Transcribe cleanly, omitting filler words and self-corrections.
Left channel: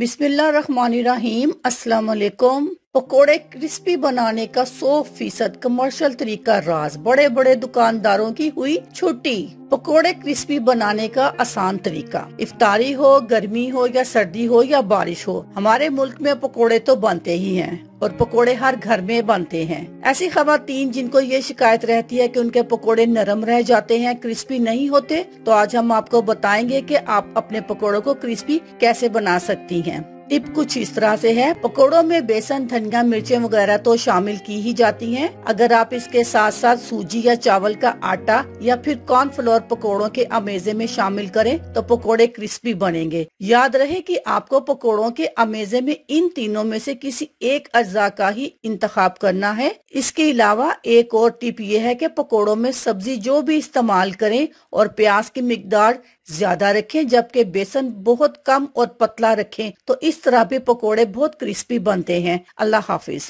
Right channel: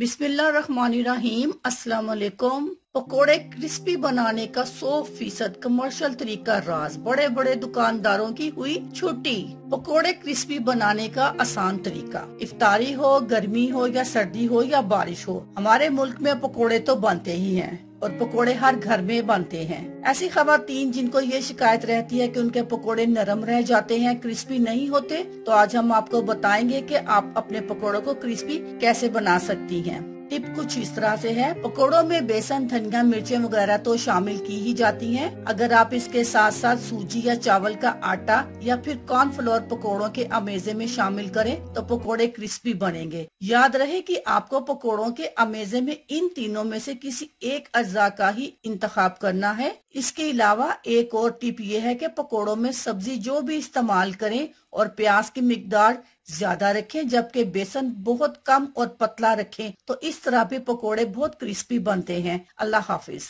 बिस्मिल्लाहिर्रहमानिर्रहीम। अस्सलाम वालेकुम। पकोड़े क्रिस्पी बनाने का 100% कमर्शियल तरीका राज, बड़े बड़े दुकानदारों की हुई छुट्टी। पकोड़े क्रिस्पी बनाने का आसान तरीका। इफ्तारी हो, गर्मी हो या सर्दी हो या बारिश हो, हमारे मुल्क में पकोड़े तो बनते ही हैं और पकोड़े हर घर में बनते हैं। ऐसी खवातीन जिनको ये शिकायत रहती है कि उनके पकोड़े नरम रह जाते हैं, क्रिस्पी नहीं होते, तो आज हम आपको बताएंगे कि आप अपने पकोड़ों को क्रिस्पी कैसे बना सकती हैं। टिप कुछ इस तरह से है। पकोड़ों में बेसन, धनिया, मिर्चें वगैरह तो शामिल की ही जाती हैं। अगर आप इसके साथ साथ सूजी या चावल का आटा या फिर कॉर्नफ्लोर पकोड़ों के अमेजे में शामिल करें तो पकोड़े क्रिस्पी बनेंगे। याद रहे कि आपको पकोड़ों के अमेजे में इन तीनों में से किसी एक अज्जा का ही इंतखाब करना है। इसके अलावा एक और टिप ये है कि पकोड़ों में सब्जी जो भी इस्तेमाल करें और प्याज की मिकदार ज्यादा रखें, जबकि बेसन बहुत कम और पतला रखें, तो इस तरह भी पकोड़े बहुत क्रिस्पी बनते हैं। अल्लाह हाफिज।